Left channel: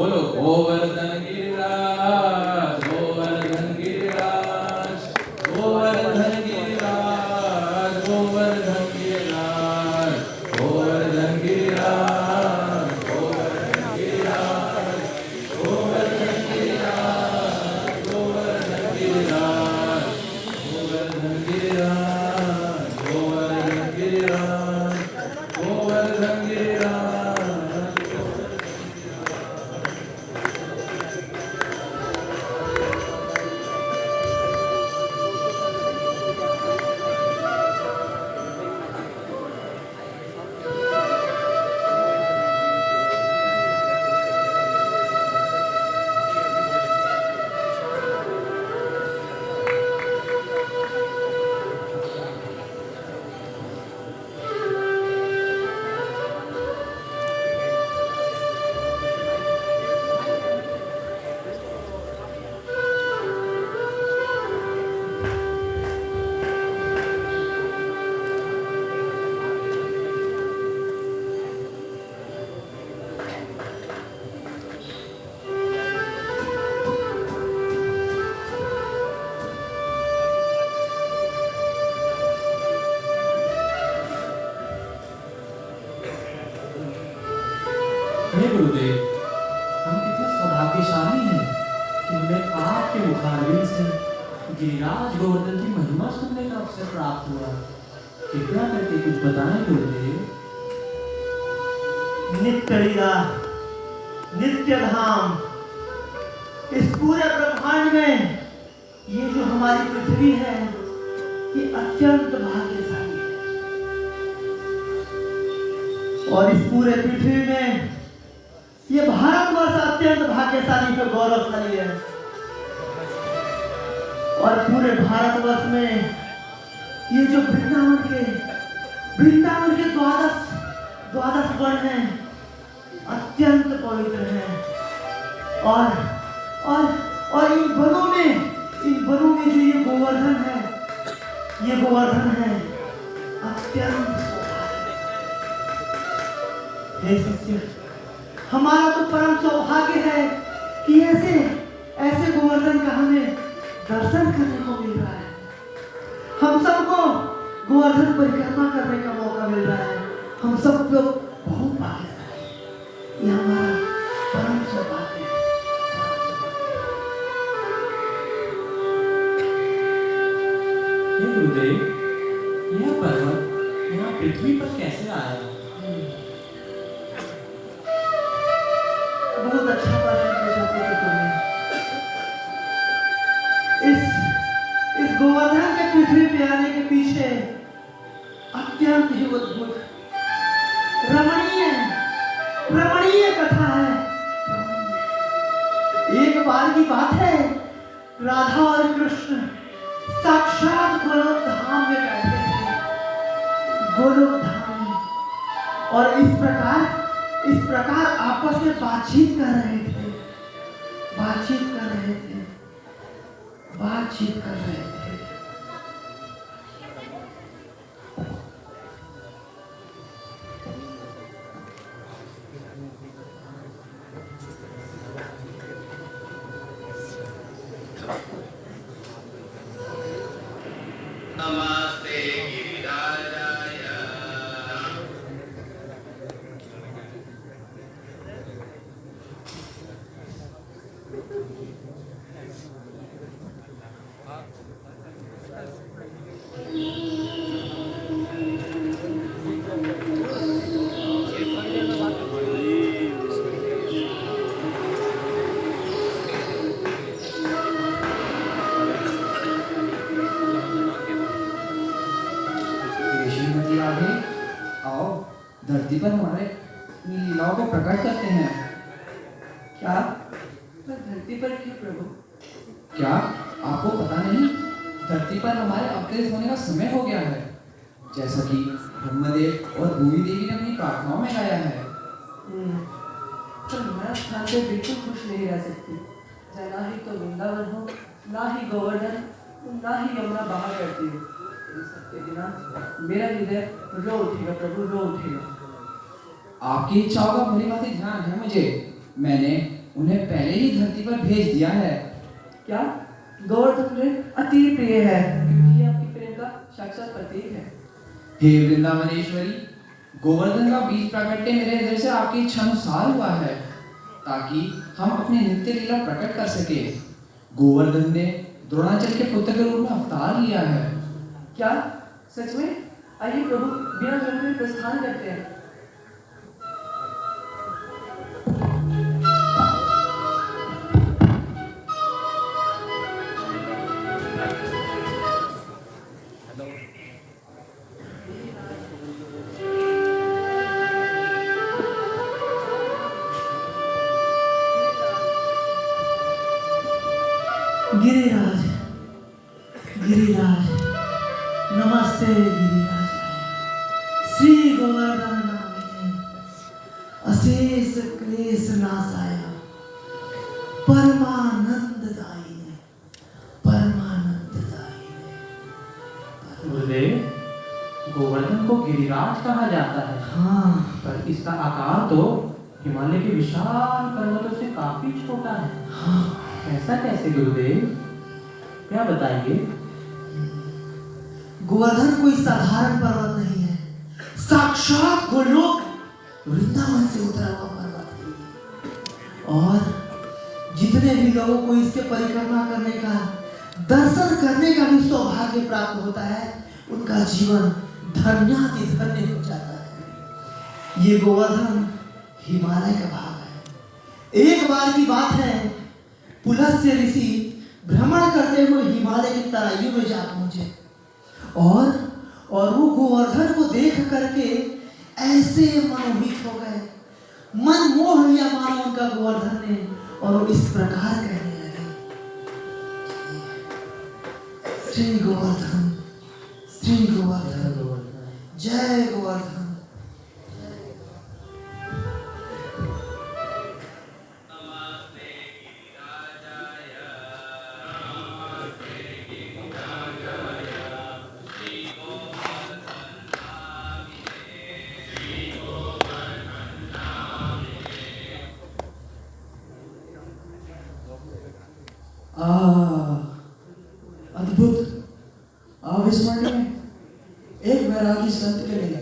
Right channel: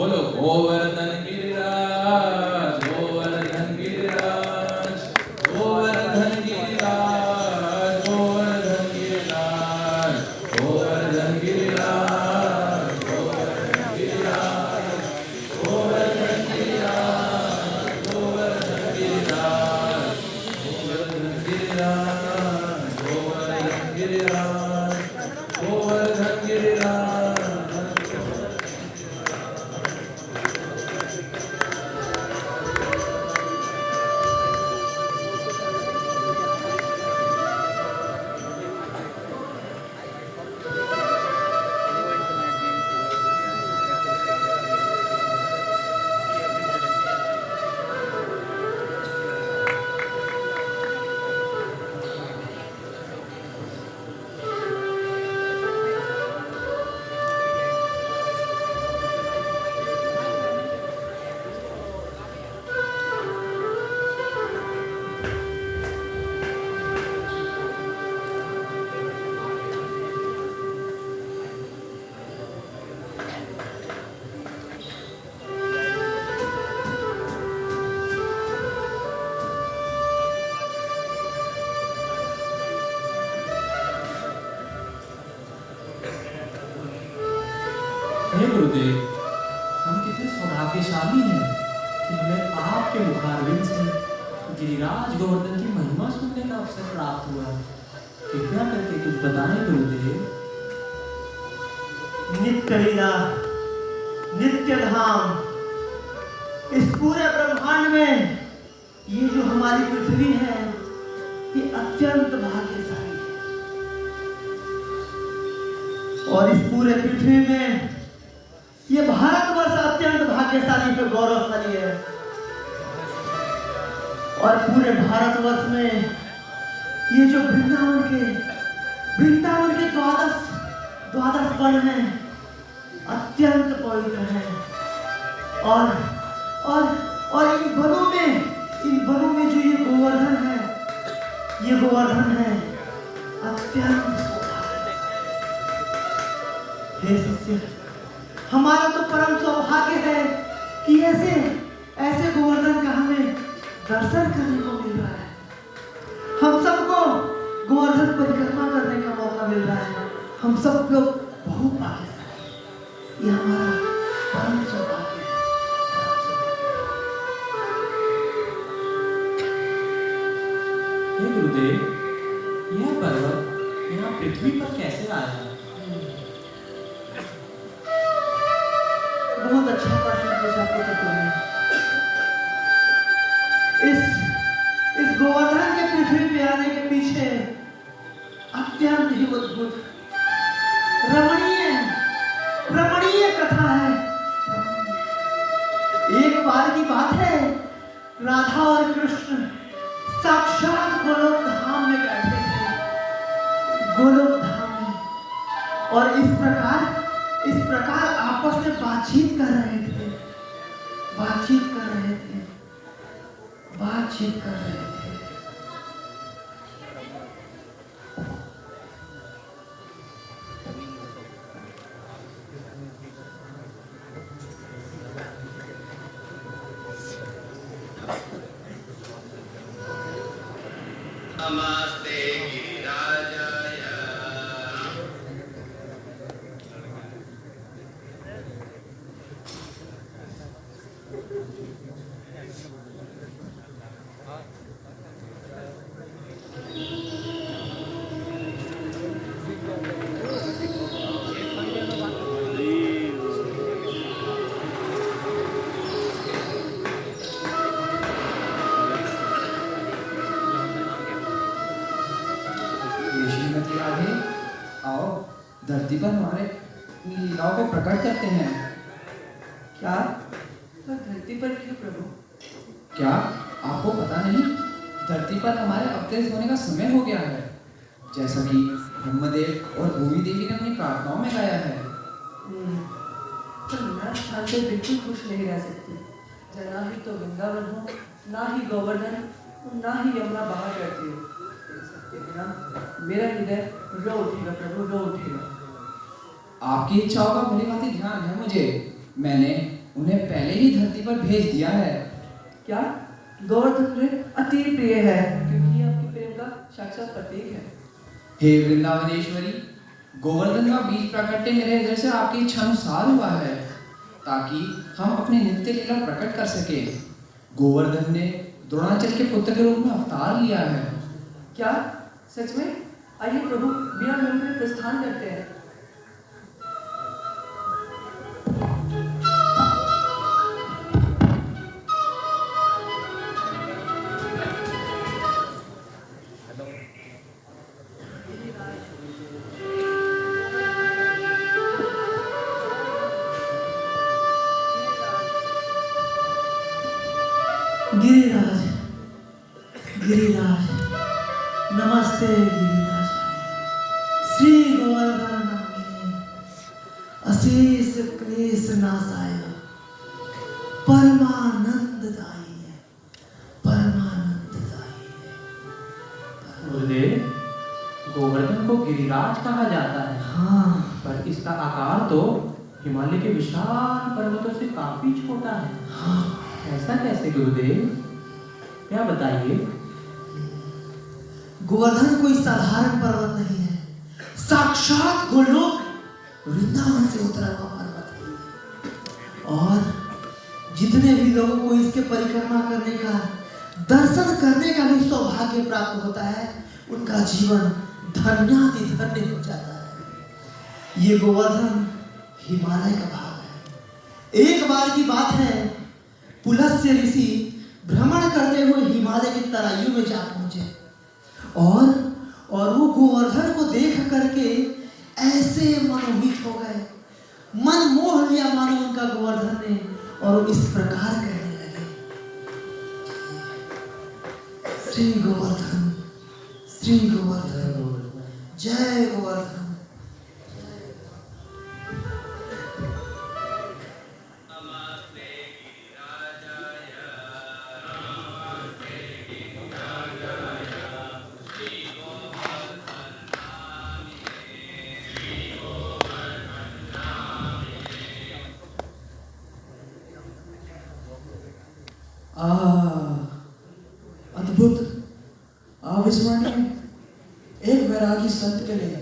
बोलो गोवर्धन गिरिराज, गोवर्धन गिरिराज, गोवर्धन गिरिराज, गोवर्धन गिरिराज, गोवर्धन गिरिराज, गोवर्धन गिरिराज, गोवर्धन गिरिराज, गोवर्धन गिरिराज, गोवर्धन गिरिराज, गोवर्धन गिरिराज, गोवर्धन गिरिराज। हे गुरुदेव, हम कितने सौभाग्यशाली हैं कि हमें आपके मुखारविंद से गिरिराज गोवर्धन की महिमा सुनने का अवसर प्राप्त हुआ। कृपया करके कुछ बताएं गुरुदेव। नित्य लीला, नित्य धाम, इस पूरे ब्रह्मांड में ये जो हमारी पृथ्वी है ये अत्यंत भाग्यशाली है। और इस पूरे पृथ्वी में ये भारतवर्ष अत्यंत भाग्यशाली पर गौरवशाली है। और पूरे भारतवर्ष में ये जो वृंदावन के द्वादश वन हैं अत्यंत पवित्र हैं। और इन वनों में जो ये गोवर्धन है अत्यंत हे शिष्य, हमारा तो परम सौभाग्य है कि ऐसे गोवर्धन का हमें दर्शन करने को मिल रहा है। हम सबको गोवर्धन परिक्रमा करने का मौका मिल रहा है। हम सब लोग बहुत भाग्यशाली हैं। ये हमारा परम सौभाग्य है। हे गुरुदेव, यह पर्वत यहाँ पृथ्वी पर कैसे आया? बहुत अच्छा प्रश्न पूछा तुमने। इस गोवर्धन के पृथ्वी पे आने के पीछे अत्यंत ही अद्भुत रमणीय कथा है। एक बार की बात है, राधा और कृष्ण साक्षात गोलोक धाम में बैठे थे। गोलोक धाम में। और इस प्रकार आपस में बातचीत कर रहे थे। धरती पर हमारे लीलाओं को प्रकट करते हैं। क्या? तो धरती पर क्यों प्रभु? क्या आपको पता नहीं, धरती पर हमारे अवतरित होने का समय हो गया है, जैसा कि ब्रह्मदेव और भूमि देवी ने अपनी प्रार्थनाओं में गाया है। पर मैं स्थान पे बिल्कुल खुश नहीं रह सकती। ना ही तो वृंदावन हो, ना ही गोवर्धन, ना ही यमुना बहा करती हो। मेरा हृदय रो उठेगा प्रभु, रो उठेगा। आपकी इच्छाओं का भली भांति ध्यान है मुझे। मैंने उन्हें पहले ही धरती पर भेज दिया है। क्या गोवर्धन मुझे अति प्रिय है, क्योंकि ये आपकी प्रेम का साक्षात प्रतीक है। हे वृंदावनेश्वरी, गोवर्धन का बीज प्राकट्य मेरे हृदय से आपकी इच्छा अनुसार हुआ है, ताकि हम अपनी नित्य लीला प्रकट कर सके। गोवर्धन ने द्रोणाचल के पुत्र के रूप में अवतार लिया है। क्या सच में? आइए प्रभु, बिना विलंब के प्रस्थान करते हैं। गिरिराज, गिरिराज, नमस्ते गिरिराज। श्री गोवर्धन नामिने, अशेष क्लेश नाशाय, परमानंददायिने, परमानंददायिने। गुरुदेव, गोवर्धन को गिरिराज कहा जाता है, हाँ, पर इसका आकार तो हिमालय के विशाल पर्वतों से काफी छोटा है। हाँ। ऐसा कैसे गुरुदेव? क्या बताइए। गोवर्धन कोई साधारण पर्वत नहीं है, साक्षात गोलोक वृंदावन से उतरा हुआ पर्वत है। और जितने भी लोगों को इसके परिक्रमा करने का, दर्शन करने का भी सौभाग्य प्राप्त होता है, उनका जीवन धन्यातिधन्य हो जाता है। ये गोवर्धन हिमालय का भाग है। एक बार की बात है, पुलस्त्य ऋषि भ्रमण करते हुए हिमालय की तराइयों में जा पहुंचे, और वो गोवर्धन को देख करके ऐसे मनोहित हो गए, मन मोह लिया मानो उनका गोवर्धन ने, और इस प्रकार कहने लगे, श्री गोवर्धन, श्री गोवर्धन, जय गोवर्धन। अद्भुत, अविस्मरणीय। एक वैरागी संत के लिए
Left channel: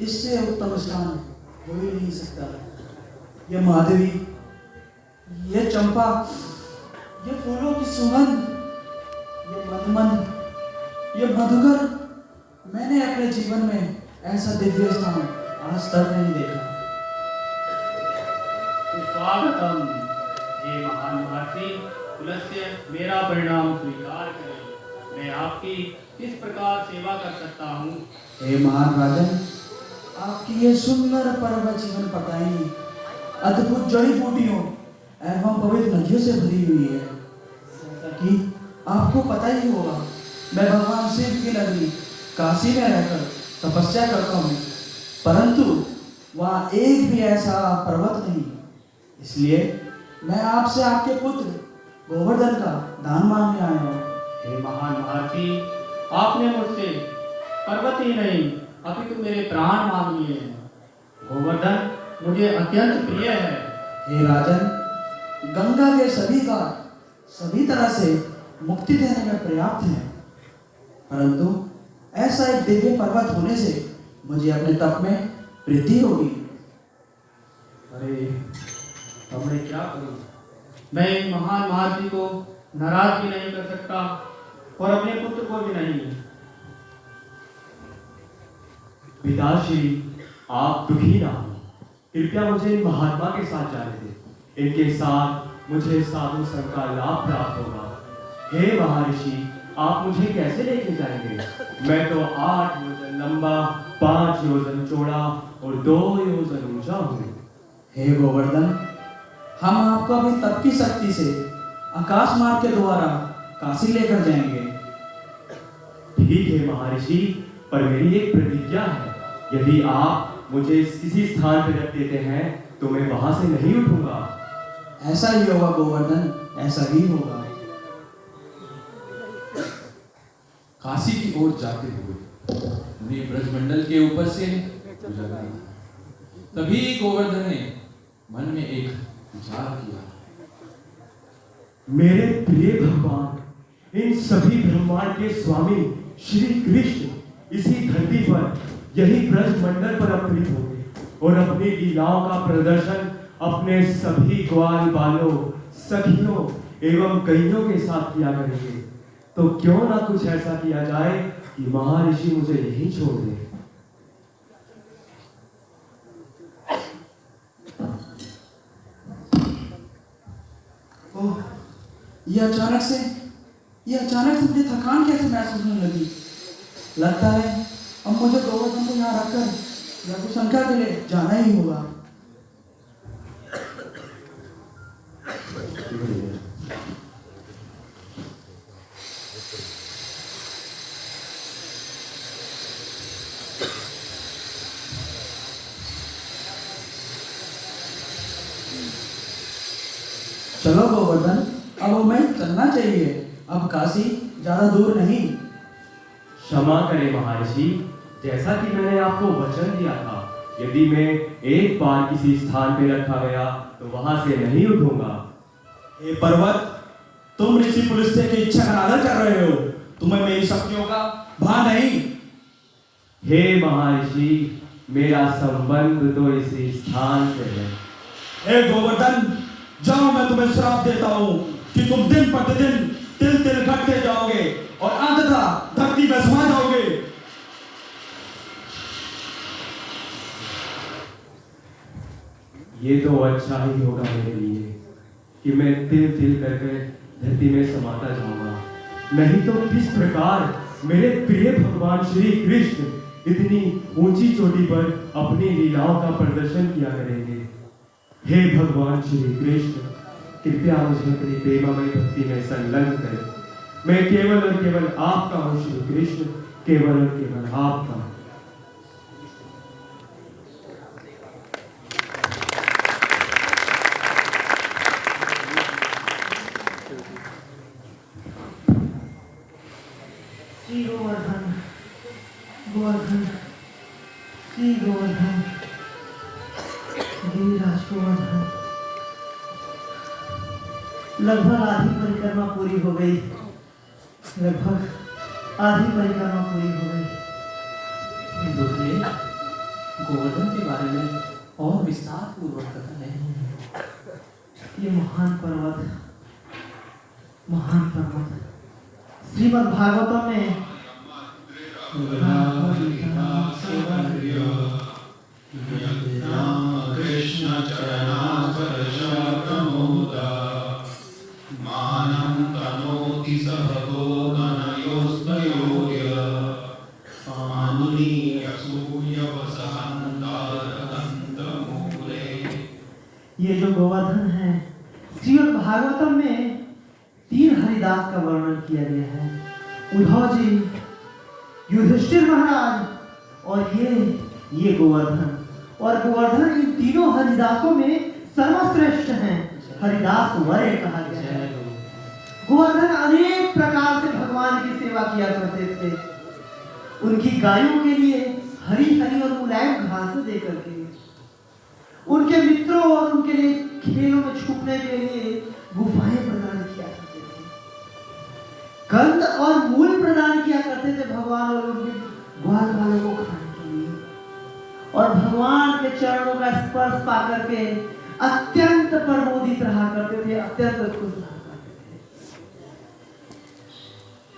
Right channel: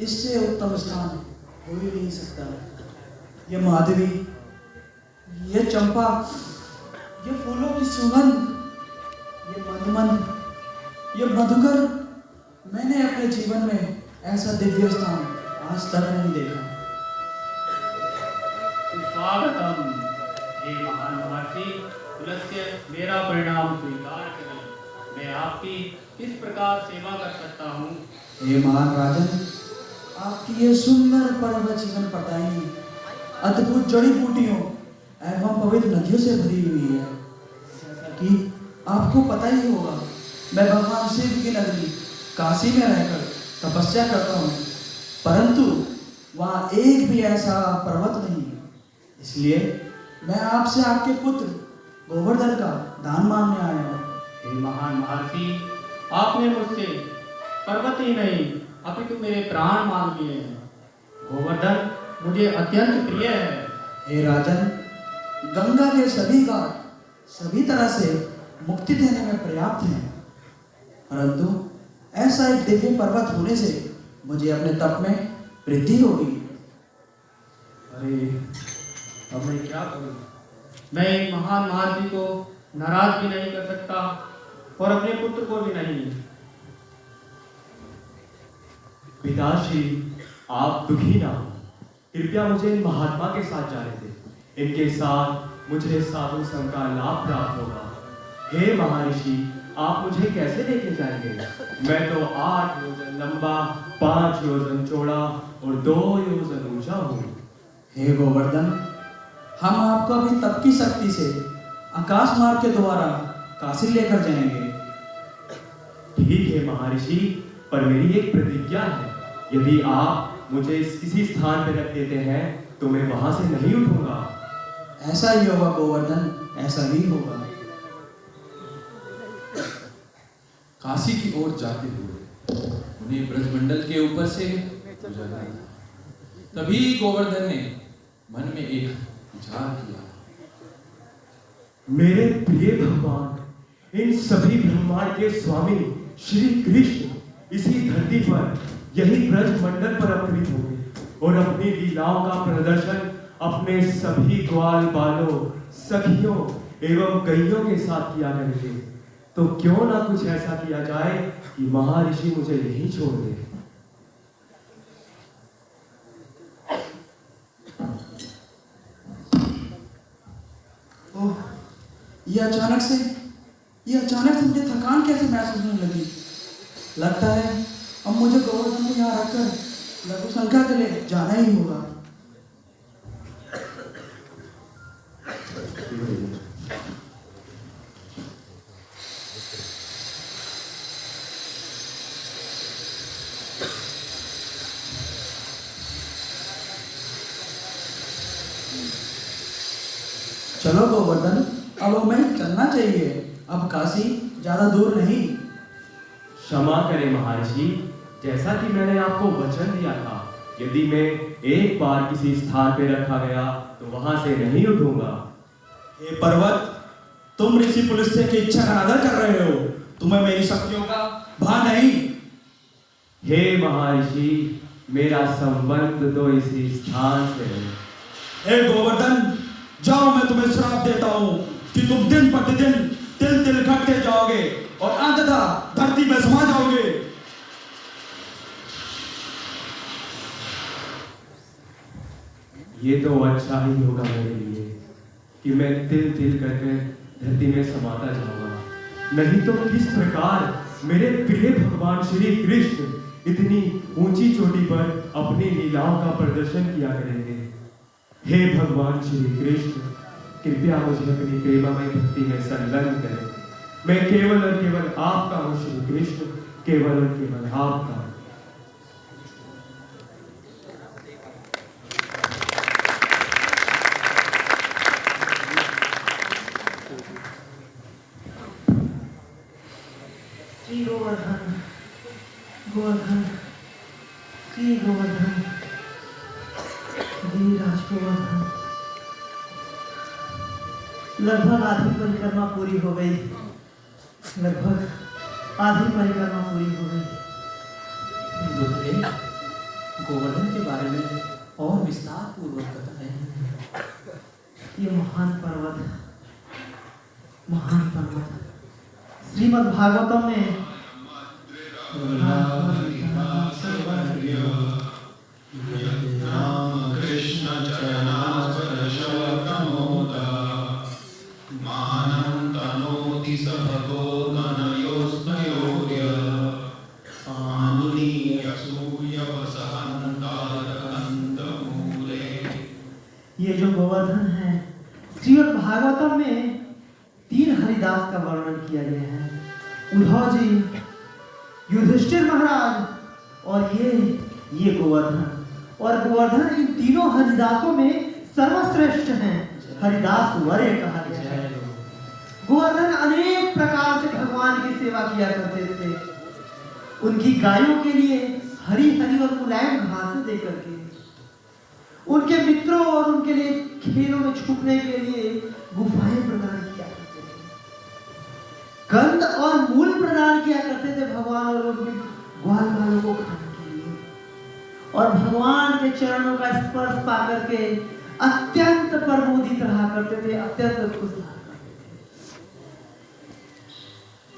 इससे उत्तम स्थान हो ही नहीं सकता। ये माधवी, ये चंपा, ये फूलों की सुगंध, ये मधुमंद, ये मधुकर, मैंने अपने जीवन में ऐसा दिव्य स्थान आज तक नहीं देखा। स्वागतम। हे महान महर्षि पुलस्त्य, मेरा परिणाम स्वीकार करें। मैं आपकी किस प्रकार सेवा कर सकता हूँ? हे महान राजन, आपकी ये सुंदर पर्वत जीवन पटाई अद्भुत जड़ी बूटियों एवं पवित्र नदियों से भरी हुई है। जैसा कि आपको पता ही होगा, मैं भगवान शिव की नगरी काशी में रहकर तपस्या करता हूँ, परंतु वहाँ एक भी ऐसा पर्वत नहीं। इसलिए मैं आपसे आपके पुत्र गोवर्धन का दान मांगने आया हूँ। हे महान महर्षि, आपने मुझसे पर्वत ही नहीं अपितु मेरे प्राण मांग लिए। गोवर्धन मुझे अत्यंत प्रिय है। हे राजन, गंगा के सभी का सभी तरह से मुक्ति देने में पर्याप्त है, परंतु ऐसा एक दिव्य पर्वत होने से मुझे अपने तप में वृद्धि होगी। अरे, अब मैं क्या करूं? मैं इन महान महर्षि को नाराज भी नहीं कर सकता और अपने पुत्र को भी नहीं। पिताश्री, आप दुखी ना हो। कृपया मुझे इन महात्मा के साथ जाने दें। इनके साथ मुझे साधु संग का लाभ प्राप्त होगा। हे महर्षि, आप मुझे कैसे लेके जाएंगे? मैं तो 8 योजन लंबा, 5 योजन चौड़ा और 2 योजन ऊंचा हूँ। हे गोवर्धन, हम आपको अभी तप की शक्ति से आकाश मार्ग के द्वारा काशी लेकर जाएंगे। ठीक है महर्षि, पर मेरी एक प्रतिज्ञा है। यदि आप मुझे किसी स्थान पर रख देते हैं तो मैं वहां से नहीं उठूंगा। ऐसा ही होगा गोवर्धन, ऐसा ही होगा। काशी की ओर जाते हुए उन्हें ब्रजमंडल के ऊपर से गुजरना था। तभी गोवर्धन ने मन में एक विचार किया। मेरे प्रिय भगवान, इन सभी ब्रह्मांड के स्वामी श्री कृष्ण इसी धरती पर, यही ब्रज मंडल पर अवतरित हो गए और अपनी लीलाओं का प्रदर्शन अपने सभी ग्वाल बालों, सखियों एवं कइयों के साथ किया करेंगे। तो क्यों ना कुछ ऐसा किया जाए कि महर्षि मुझे यहीं छोड़ दे। ओह, ये अचानक से मुझे थकान कैसे महसूस होने लगी। लगता है अब मुझे गोवर्धन को यहाँ रखकर लघुशंका के लिए जाना ही होगा। चलो गोवर्धन, अब हमें चलना चाहिए। अब काशी ज्यादा दूर नहीं। क्षमा करें महर्षि, जैसा कि मैंने आपको वचन दिया था, यदि मैं एक बार किसी स्थान पे रखा गया तो वहां से नहीं उठूंगा। हे पर्वत, तुम ऋषि पुलस्त्य की इच्छा का अनादर कर रहे हो। तुम्हें मेरी शक्तियों का भान नहीं। हे महर्षि, मेरा संबंध तो इसी स्थान से है। हे गोवर्धन, जाओ, मैं तुम्हें श्राप देता हूँ कि तुम दिन प्रतिदिन तिल तिल घटते जाओगे और अंततः धरती में समा जाओगे। ये तो अच्छा ही होगा मेरे लिए कि मैं तिल तिल करके धरती में समाता जाऊंगा। नहीं तो किस प्रकार मेरे प्रिय भगवान श्री कृष्ण इतनी ऊंची चोटी पर अपनी लीलाओं का प्रदर्शन किया करेंगे। हे भगवान श्री कृष्ण, कृपया मुझे अपनी प्रेममय भक्ति में संलग्न करें। मैं केवल और केवल आपका हूँ श्री कृष्ण, केवल और केवल आपका। श्री गोवर्धन, गोवर्धन, श्री गोवर्धन, गिरिराज गोवर्धन। लगभग आधी परिक्रमा पूरी हो गई। लगभग आधी परिक्रमा पूरी हो गई। बुद्धदेव, गोवर्धन के बारे में और विस्तार पूर्वक बताएं। ये महान पर्वत श्रीमद् भागवतम में ये जो गोवर्धन है, श्रीमद् भागवतम में 3 हरिदास का वर्णन किया गया है। उद्धव जी, युधिष्ठिर महाराज और ये गोवर्धन। और गोवर्धन इन तीनों हरिदासों में सर्वश्रेष्ठ हैं। हरिदास वरे कहा गया है। गोवर्धन अनेक प्रकार से भगवान की सेवा किया करते थे। उनकी गायों के लिए हरी हरी और मुलायम घास दे करके, उनके मित्रों और उनके लिए खेलों में छुपने के लिए गुफाएं प्रदान किया करते थे। गंध और मूल प्रदान किया करते थे भगवान और उनके ग्वाल बालों को खाने के लिए। और भगवान के चरणों का स्पर्श पा करके अत्यंत प्रमोदित रहा करते थे, अत्यंत खुश रहा करते थे।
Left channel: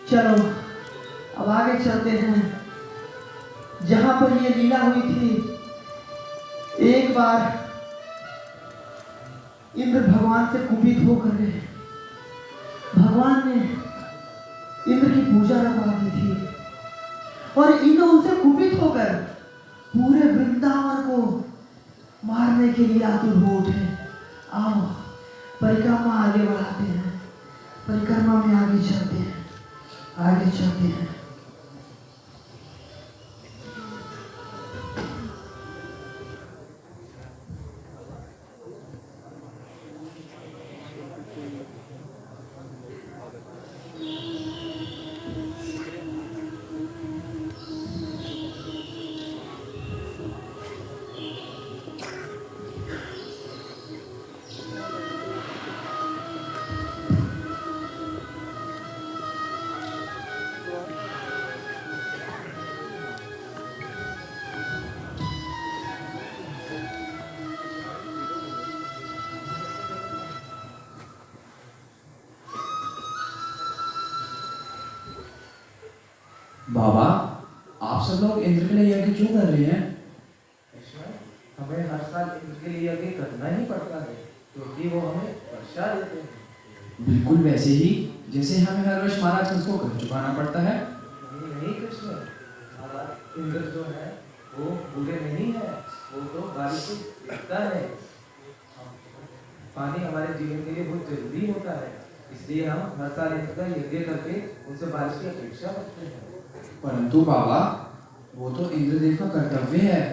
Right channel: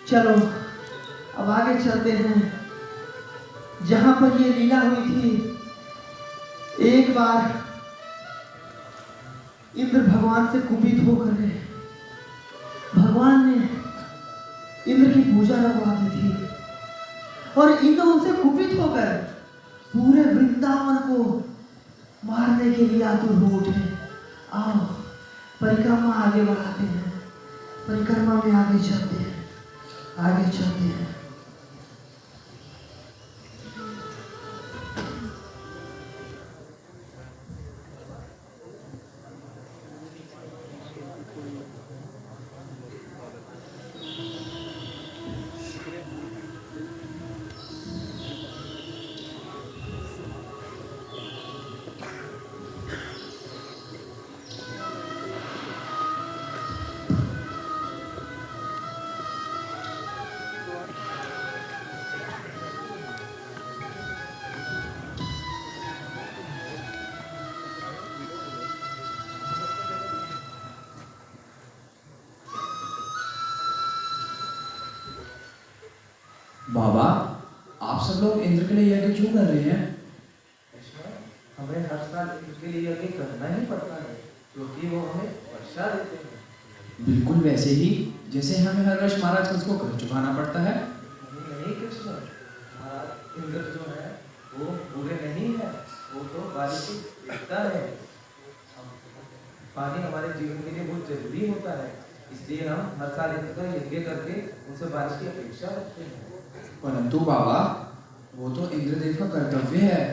चलो अब आगे चलते हैं। जहां पर ये लीला हुई थी, एक बार इंद्र भगवान से कुपित होकर गए। भगवान ने इंद्र की पूजा रखवा दी थी और इंद्र उनसे कुपित होकर पूरे वृंदावन को मारने के लिए आतुर हो उठे। आओ परिक्रमा आगे बढ़ाते हैं, परिक्रमा में आगे चलते हैं, आगे चलते हैं। लोग इंद्र के लिए यज्ञ क्यों कर रहे हैं? हमें हर साल इनके लिए यज्ञ करना ही पड़ता है क्योंकि वो हमें वर्षा देते हैं। बिल्कुल वैसे ही जैसे हमें हर वर्ष महाराज कंस को कर चुकाना पड़ता है। नहीं कृष्ण, महाराज इंद्र जो है वो बुरे नहीं है, वो तो बारिश को देखता है। पानी हमारे जीवन के लिए बहुत जरूरी होता है, इसलिए हम हर साल इंद्र का यज्ञ करके उनसे बारिश की अपेक्षा रखते हैं। परंतु बाबा, वो तो इंद्रदेव का कर्तव्य है,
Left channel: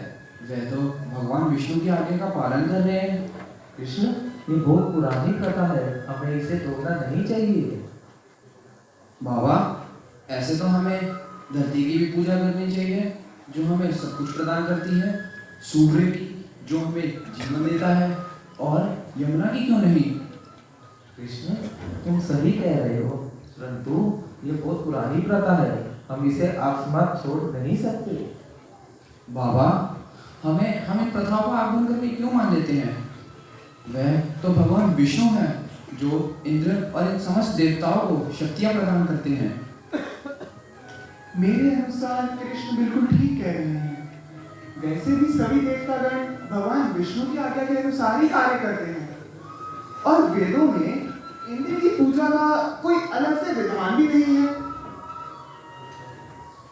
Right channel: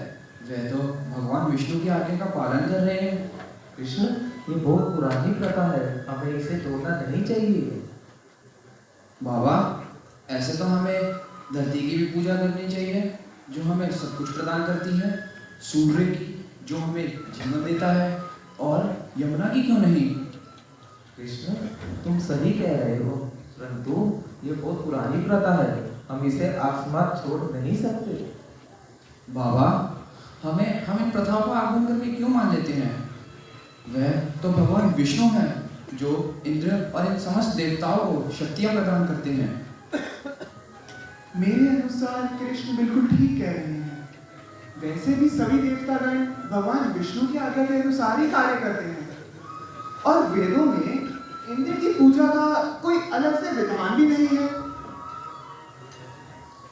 वे तो भगवान विष्णु की आज्ञा का पालन कर रहे हैं। कृष्ण, ये बहुत पुरानी प्रथा है, हमें इसे तोड़ना नहीं चाहिए। बाबा, ऐसे तो हमें धरती की भी पूजा करनी चाहिए जो हमें सब कुछ प्रदान करती है, सूर्य की जो हमें जन्म देता है, और यमुना की क्यों नहीं? कृष्ण, तुम सही कह रहे हो, परंतु ये बहुत पुरानी प्रथा है, हम इसे अकस्मात छोड़ नहीं सकते। बाबा, हमें प्रथाओं का आगमन करके क्यों मान लेते हैं? वह तो भगवान विष्णु हैं जो इंद्र और इन समस्त देवताओं को शक्तियां प्रदान करते हैं। मेरे अनुसार कृष्ण बिल्कुल ठीक कह रहे हैं। वैसे भी सभी देवतागण भगवान विष्णु की आज्ञा के अनुसार ही कार्य करते हैं और वेदों में इंद्र की पूजा का कोई अलग से विधान भी नहीं है।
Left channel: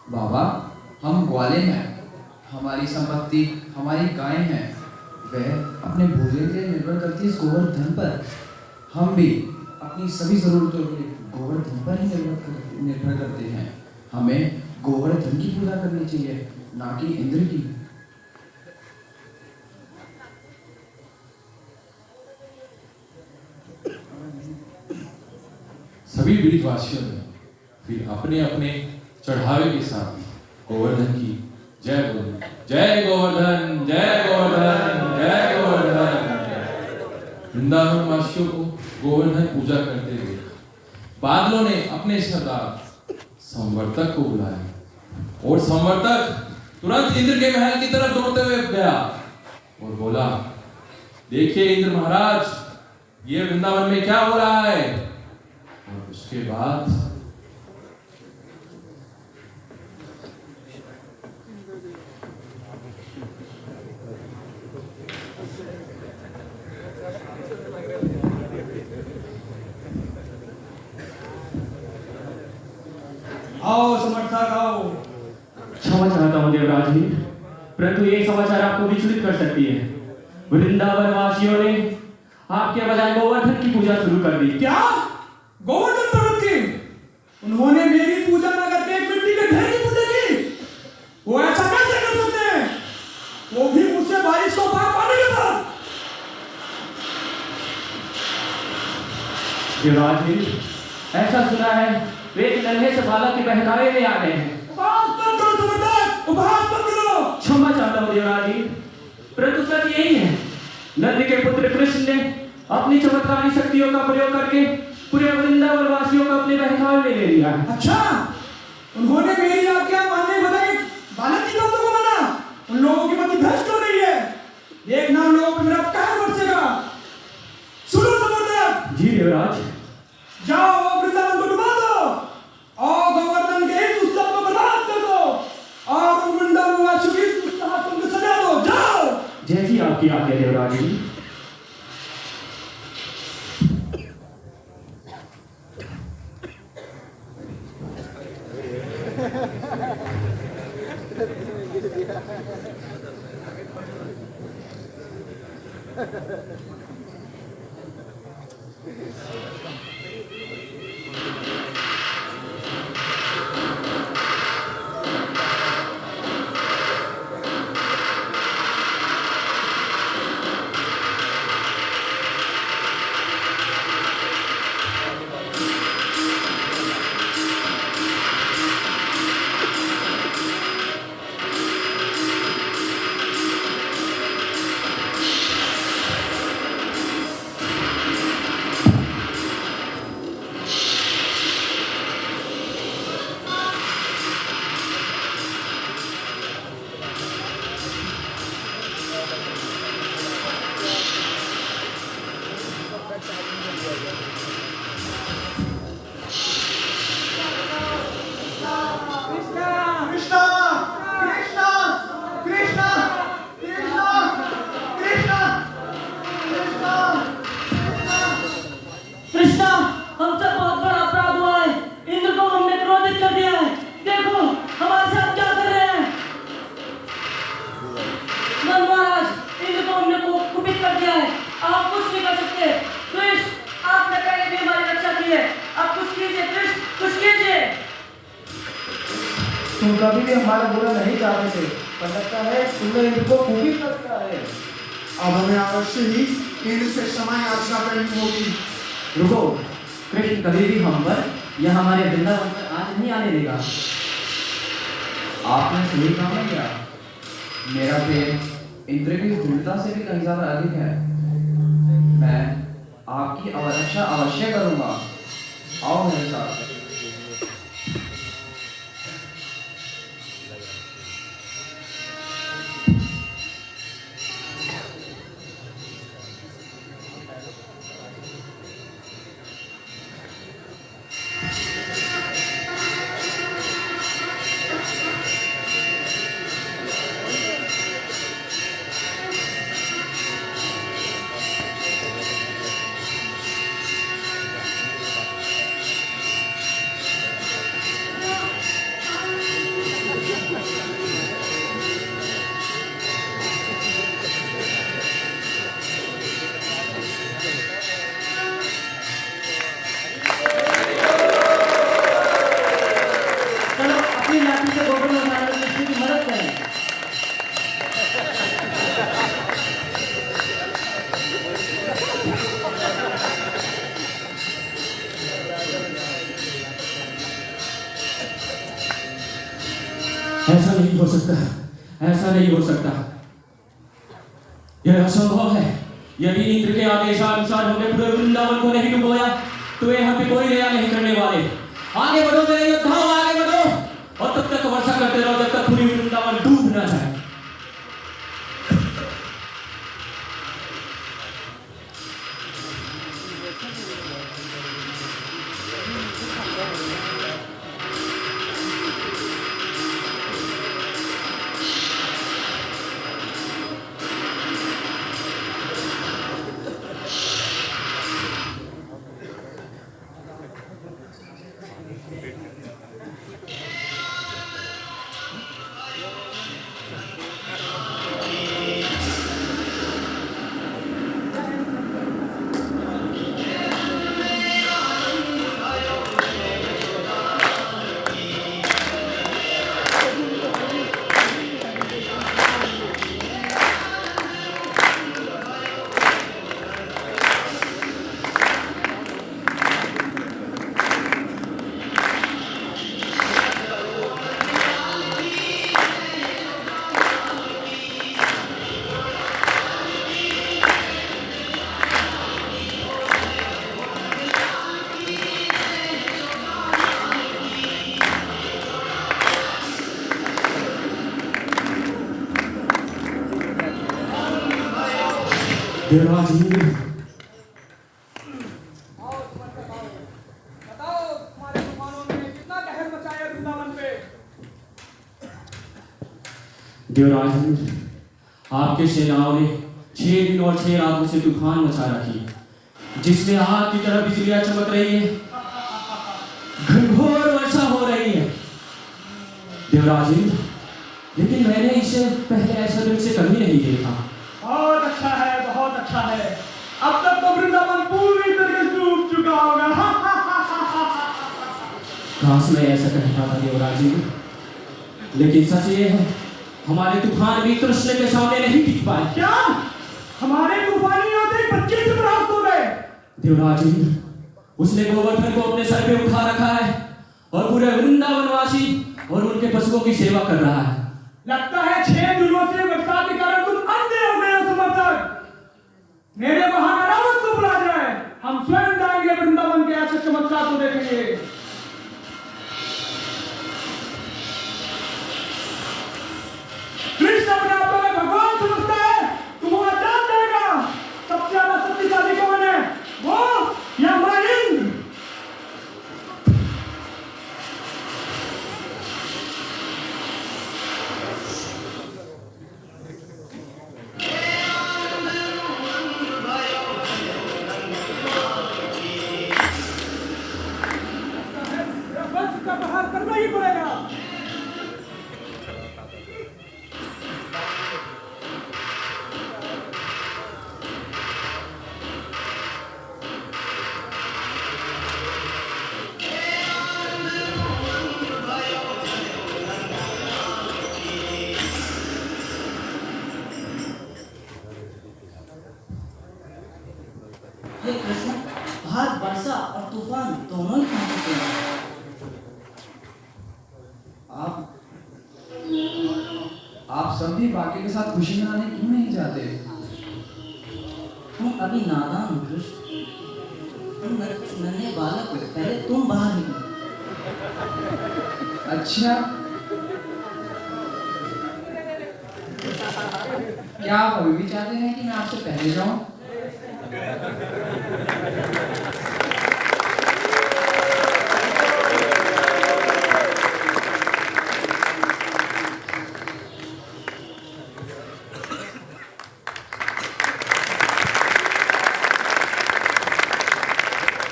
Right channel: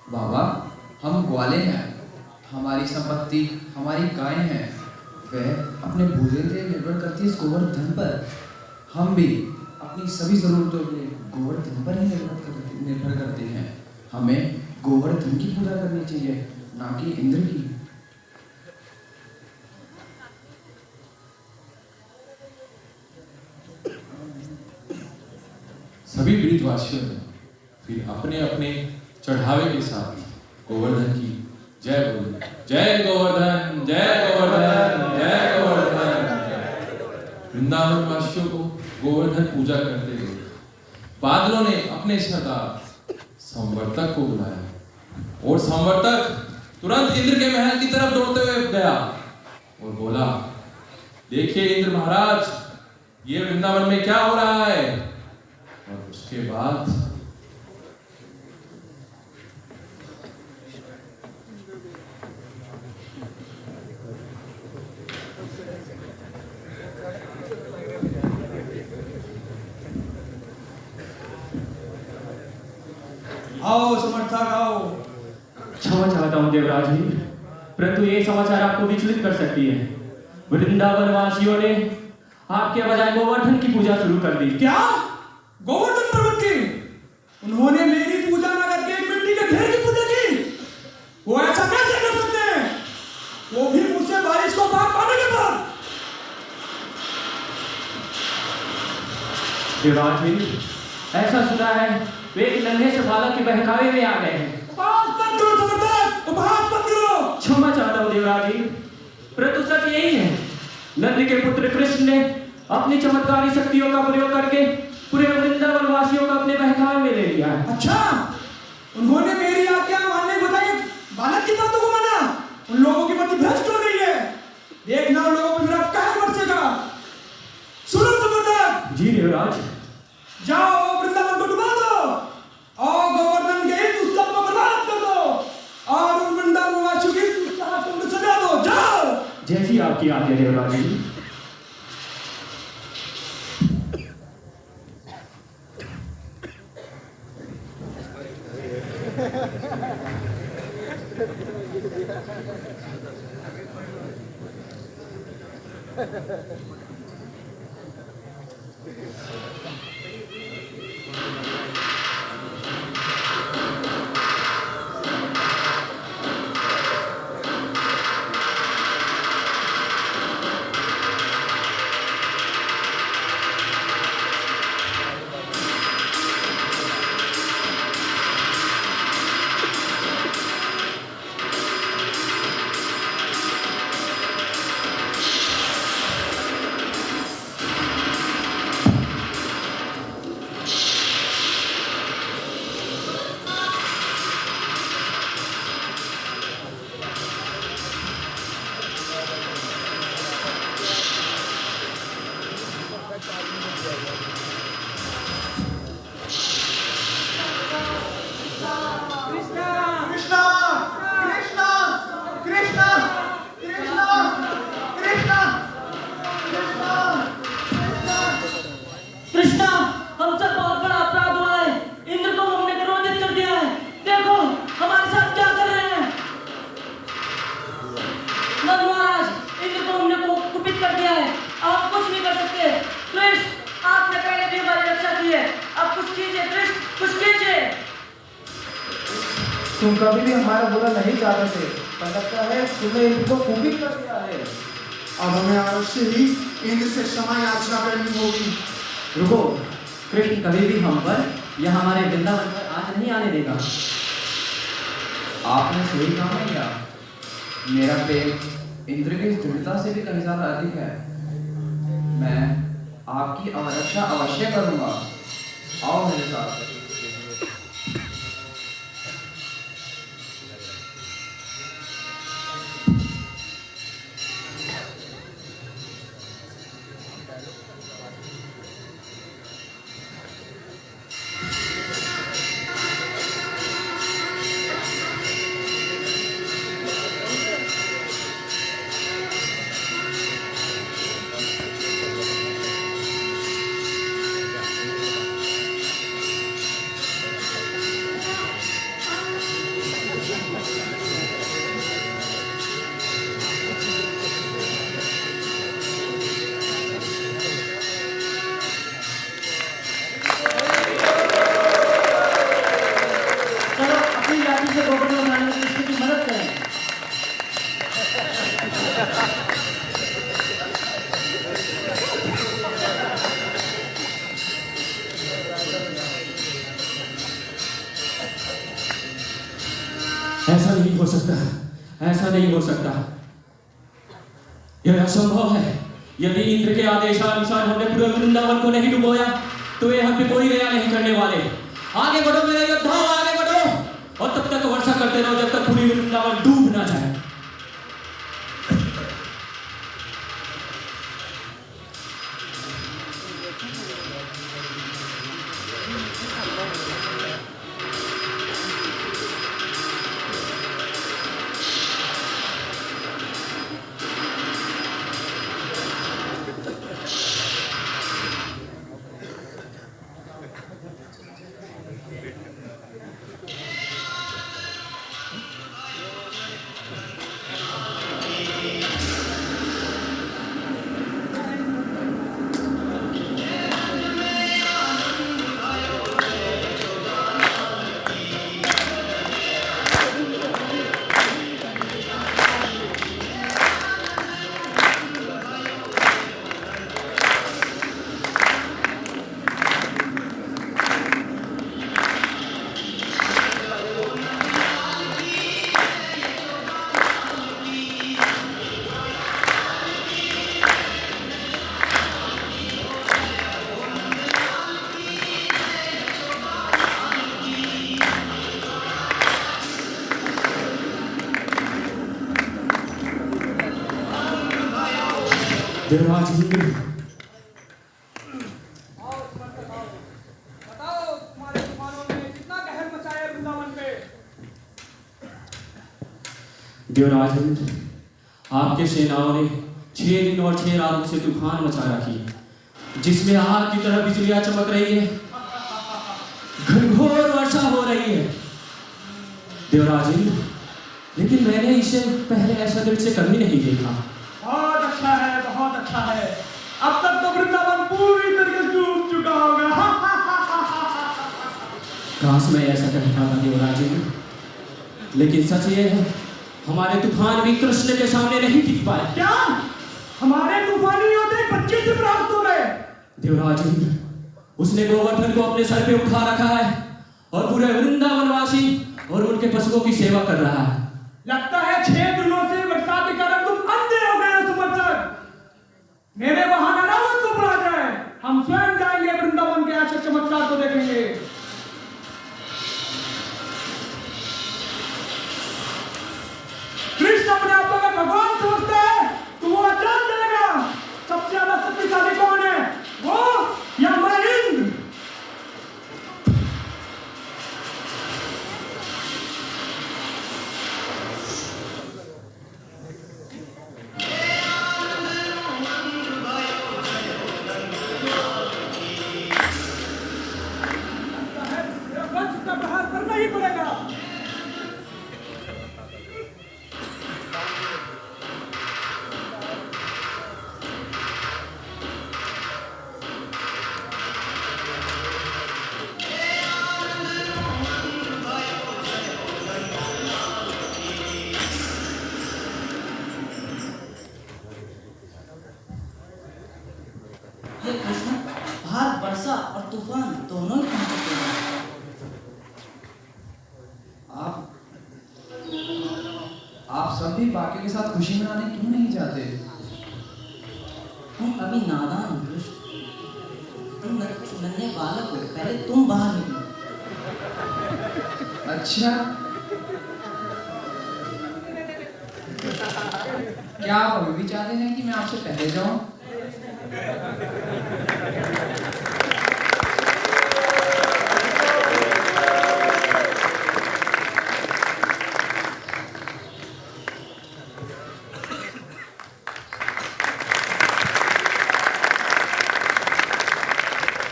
बाबा, हम ग्वाले हैं, हमारी संपत्ति हमारी गाय है, वह अपने भोजन के लिए निर्भर करती है इस गोवर्धन पर। हम भी अपनी सभी जरूरतों के लिए गोवर्धन पर ही निर्भर करते हैं। हमें गोवर्धन की पूजा करनी चाहिए, ना कि इंद्र की। सभी ब्रिजवासियों ने फिर अपने अपने चढ़ावे के साथ गोवर्धन की जय बोली। जय गोवर्धन, जय गोवर्धन, जय गोवर्धन। वृंदावन वासियों को गोवर्धन पूजा करते हुए बादलों ने अपने सरदार संवर्तक को बुलाया और संवर्तक तुरंत इंद्र के महल की तरफ दौड़ते हुए गया और बोला, देखिए इंद्र महाराज, ये वृंदावन में क्या हो रहा है। और उसके बाद आओ समर्थक आओ। क्षमा चाहता हूँ देवराज जी, परंतु ये समाचार आपको विचलित कर सकती है। वृंदावन वासियों ने आपके बजाय गोवर्धन की पूजा शुरू कर दी। क्या गोवर्धन पर्वत की? उन्होंने मेरी पूजा न करके मिट्टी के ढेर की पूजा की? वो ऐसा कैसे कर सकते हैं? वो भी मुझसे बारिश को पार पाने के बाद। देवराज जी, ऐसा सुना है वे एक नन्हे से बालक के बहकावे में आ गए हैं। क्षमा चाहता हूँ देवराज जी, परंतु सच यही है। नंद के पुत्र कृष्ण ने अपनी चमत्कारी शक्तियों का प्रयोग करके पूरे वृंदावन वासियों को अपने बहकावे में ले लिया है। अच्छा, उन्होंने मेरी आज्ञा मानने के बजाय बालक की बातों को माना। उन लोगों की बुद्धि भ्रष्ट हो रही है। देखना उन लोगों पर मेरा कहर बरसेगा। सुनो समर्थक। जी देवराज। जाओ वृंदावन को डुबा दो और गोवर्धन के इस उत्सव को बर्बाद कर दो और वृंदावन वासियों की इस उत्सव को सजा दो। जाओ। जैसी आपकी आज्ञा देवराज जी। कृष्णा, कृष्णा, कभी भी हमारा बुरा नहीं चाहते थे, पर लगता है तुमने इनको कुपित कर दिया है। अब हमें अवश्य ही इंद्र से क्षमा याचना करनी होगी। रुको, कृष्ण कभी भी हम पर या हमारे वृंदावन पर आंच नहीं आने देगा। आपने सही कहा क्या? मेरा प्रेम इंद्र की दृढ़ता से भी कहीं ज्यादा अधिक है। मैं आपकी अवरक्षा अवश्य करूंगा। आओ मेरे साथ। चलो अपनी लाठी से गोवर्धन महाराज कृष्ण की मदद करें। ऐसा नहीं हो सकता, ऐसा नहीं हो सकता। यह असंभव है। यदि इंद्र के आदेशानुसार हमने पूरे वृंदावन को नहीं डुबोया तो यहाँ पे कोई दया नहीं करने वाले। आगे बढ़ो मेरे योद्धाओं, आगे बढ़ो और तब तक वर्षा करते रहो जब तक पूरी वृंदावन डूब ना जाए। देवराज इंद्र, बताओ तुम्हारे तूफानों ने कितना कहर मचाया वृंदावन पे। देवराज इंद्र, आपके सेनाओं ने 6 दिन और 6 रातों से तूफान मचा रखी है, जिसमें आग की तरह बिजलियां चमक रही है, घनघोर वर्षा हो रही है। देवराज इंद्र, लेकिन मैंने इसे पहले ऐसा दृश्य कभी नहीं देखा। बहुत अच्छा है, बहुत अच्छा है। अब तक तो वृंदावन पूरी तरह से डूब चुका होगा। काश मैं ऐसा कहता था देवराज इंद्र, लेकिन सच ये है हमारे तूफान भी कृष्ण के सामने नहीं टिक पाए। क्या हमारे तूफानी योद्धे बच्चे से प्राप्त हो गए? देवराज इंद्र, उसने गोवर्धन को अपने सर पे उठा रखा है और पूरे वृंदावनवासी और उनके पशुओं की सेवा कर रहा है। लगता है 6 दिनों से वर्षा के कारण तुम अंधे हो गए हो समर्थक। मेरे वहां रावत को बुला जाए, हम स्वयं जाएंगे वृंदावन के ऐसे चमत्कार को देखेंगे। कृष्ण अपने आप को भगवान समझते हैं, तुम वो जान जाएगा सबसे ज्यादा शक्तिशाली कौन है, वो या मैं इंद्र। हे कृष्ण, बाहर वर्षा और तूफान दोनों ही आ चुके हैं। आप सब भी बाकियों के साथ खुशी मनाने क्यों नहीं जाते? तुम अभी नादान हो कृष्ण, तुम नन्हे बालक हो, पहले तुम बाहर निकलो। अच्छा, क्या आप अभी भी चाहते हैं कि मैं आपसे पहले जाऊं?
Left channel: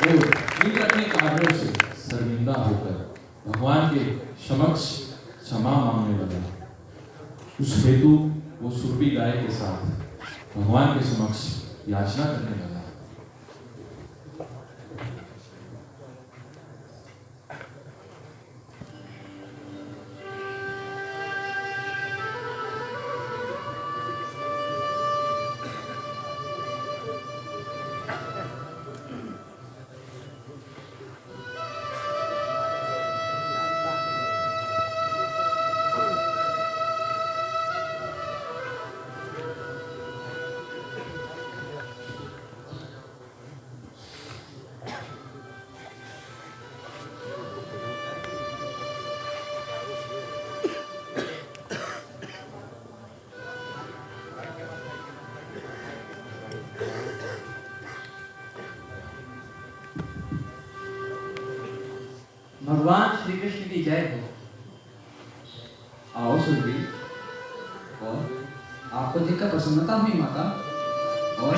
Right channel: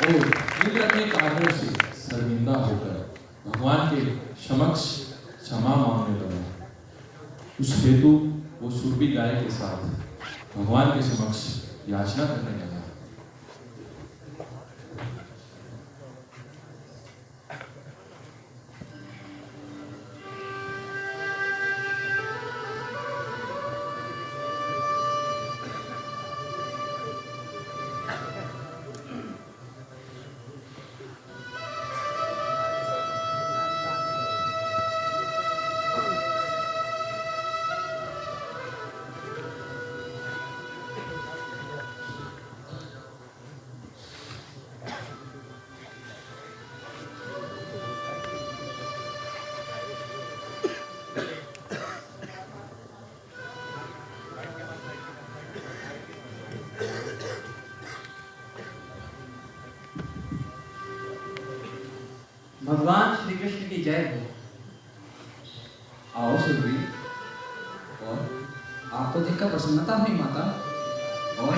वो इंद्र अपने कामों से शर्मिंदा होकर भगवान के समक्ष क्षमा मांगने लगा। उस हेतु वो सुरभि गाय के साथ भगवान के समक्ष याचना करने लगा। भगवान श्री कृष्ण की जय हो। आओ सुरभि, और आपको देखकर प्रसन्नता हुई माता। और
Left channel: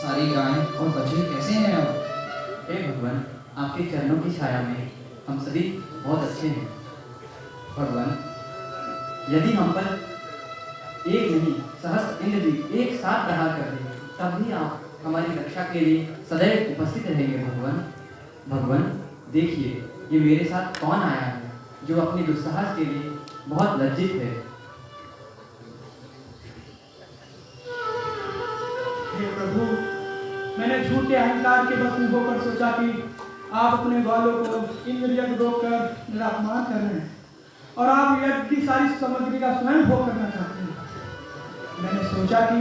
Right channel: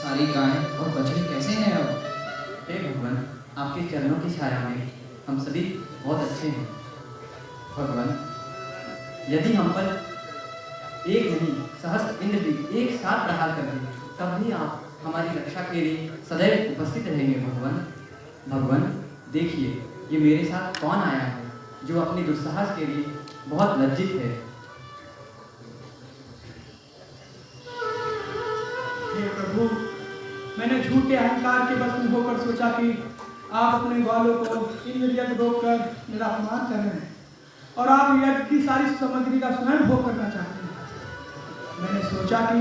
सारी गाय और बछड़े कैसे हैं अब? हे भगवान, आपके चरणों की छाया में हम सभी बहुत अच्छे हैं। भगवान, यदि हम पर एक नहीं सहस्त्र इंद्र भी एक साथ रहा करते, तब भी आप हमारी रक्षा के लिए सदैव उपस्थित रहेंगे। भगवान, भगवान देखिए, ये मेरे साथ कौन आया है जो अपने दुस्साहस के लिए बहुत लज्जित है। हे प्रभु, मैंने झूठे अहंकार के बस में होकर सोचा कि आप अपने बालों को इंद्र यज्ञ रोककर मेरा अपमान कर रहे हैं और आप यज्ञ की सारी सामग्री का स्वयं भोग करना चाहते हैं। मैंने सोचा कि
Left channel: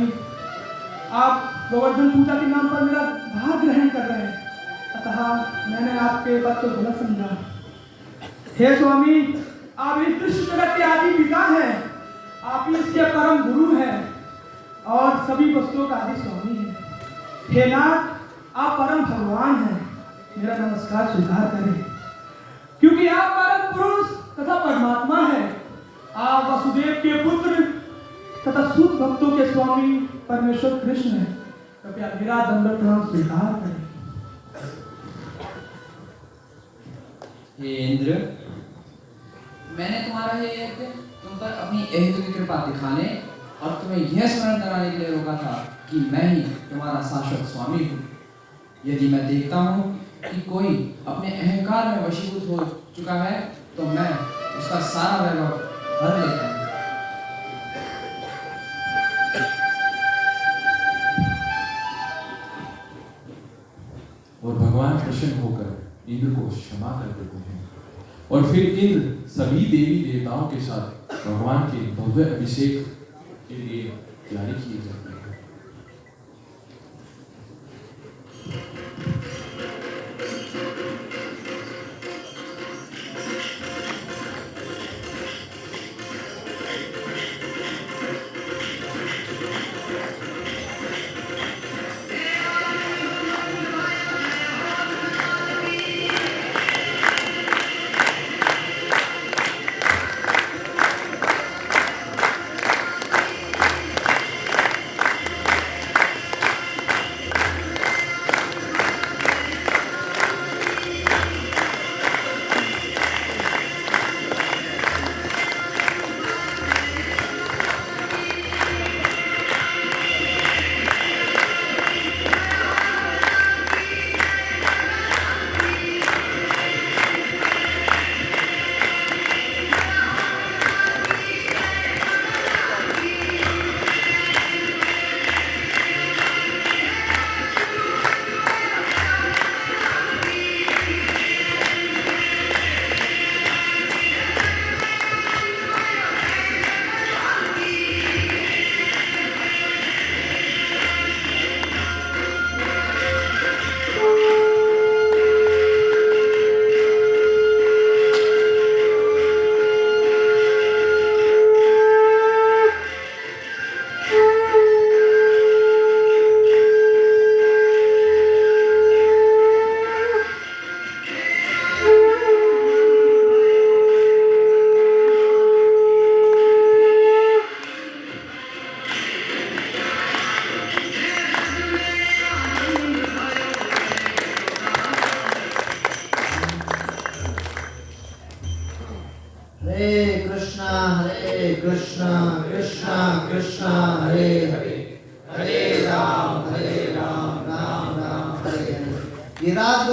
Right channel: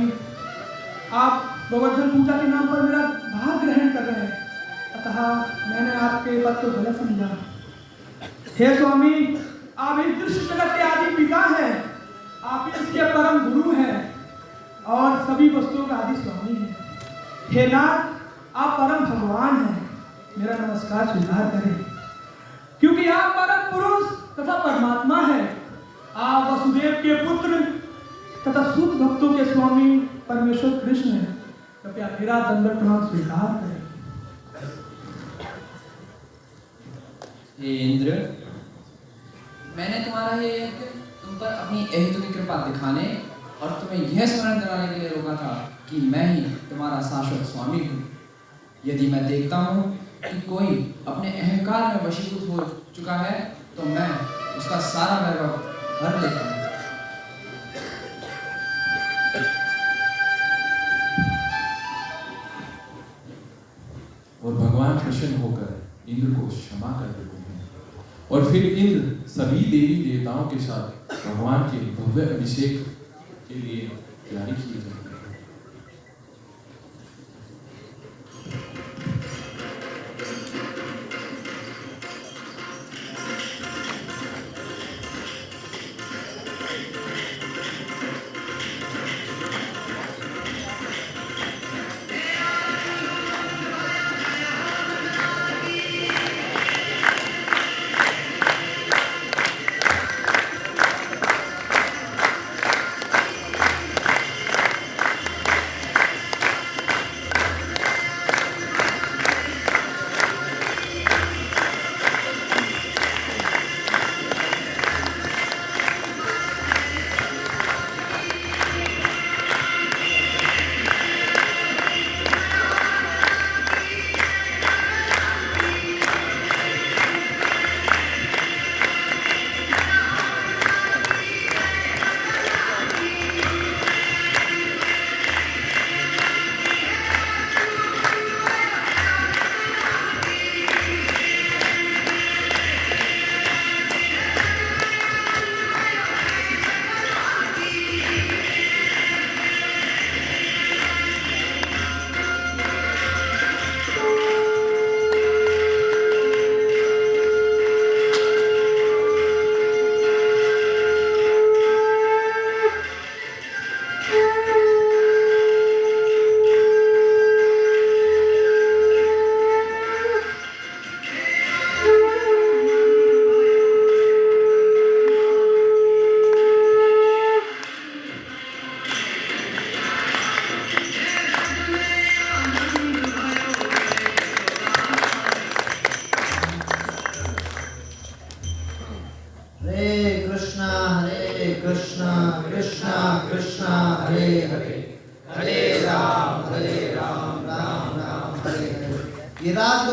आप गोवर्धन पूजा के नाम पर मेरा भाग ग्रहण कर रहे हैं, अतः मैंने आपके बात को गलत समझा। हे स्वामी, आप इस दृश्य जगत के आदि पिता हैं, आप ही इसके परम गुरु हैं और सभी वस्तुओं का आदि स्वामी हैं। हे नाथ, आप परम भगवान हैं, मेरा नमस्कार स्वीकार करें, क्योंकि आप परम पुरुष तथा परमात्मा हैं। आप वसुदेव के पुत्र तथा सुत भक्तों के स्वामी परमेश्वर कृष्ण हैं। कृपया मेरा दंडवत प्रणाम स्वीकार करें। हे इंद्र, मैंने तुम्हारा ये यज्ञ तुम पर अपनी अहेतु की कृपा दिखाने और तुम्हें यह स्मरण कराने के लिए रोका था कि मैं ही तुम्हारा शाश्वत स्वामी हूँ। यदि मैं देखता हूँ कि कोई अपने अहंकार में वशीभूत हो चुका है, तो मैं उसका सारा वैभव भर लेता हूँ। और भगवान प्रसन्न होकर इंद्र को क्षमा कर देते हैं और फिर इंद्र सभी देवी देवताओं के साथ भगवान के भव्य अभिषेक के लिए तैयारी किए जाते हैं।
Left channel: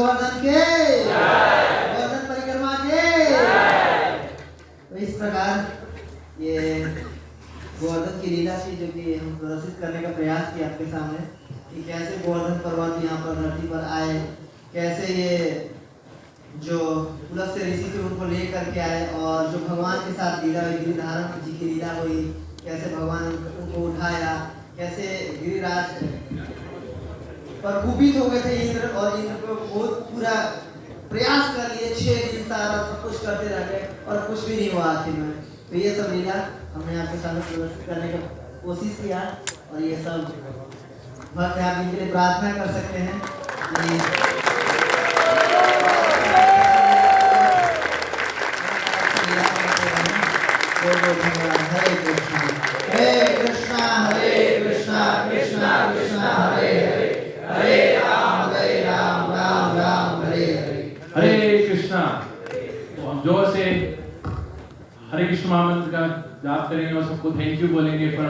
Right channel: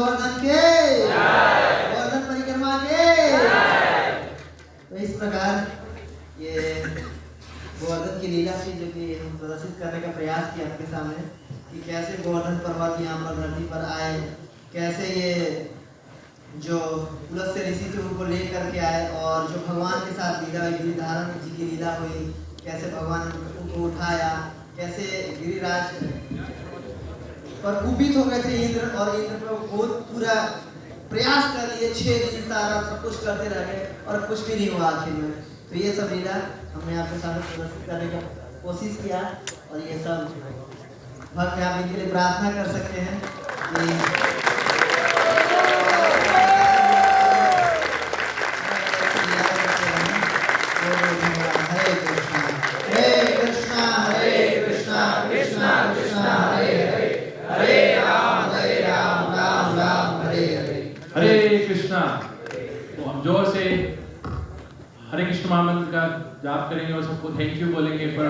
गोवर्धन के, गोवर्धन परिक्रमा के। तो इस प्रकार ये गोवर्धन की लीला थी जो कि हम प्रदर्शित करने का प्रयास किया आपके सामने कि कैसे गोवर्धन पर्वत यहाँ पर धरती पर आए, कैसे ये जो पुलस्त्य ऋषि थे उनको लेकर के आए और जो भगवान के साथ लीला हुई, गिरिधारण जी की लीला हुई, कैसे भगवान उनको उठाया, कैसे गिरिराज पर कुपित हो गए थे इंद्र और इंद्र को बहुत पूरा प्रयास कर लिए, 6 दिन सारा सब कुछ करते रहे और कुछ भी नहीं हुआ आखिर में। तो ये सब लीला हमने आपके सामने प्रदर्शित करने की कोशिश किया और ये सब भक्त में आप इनके लिए प्रार्थना कर सकते हैं कि हरे कृष्णा कृष्णा कृष्णा हरे हरे, हरे राम राम राम हरे हरे। हरे कृष्णा। तो हम जोर से हरे कृष्ण महामंत्र का जाप करेंगे और सबको थैंक यू बोलेंगे फॉर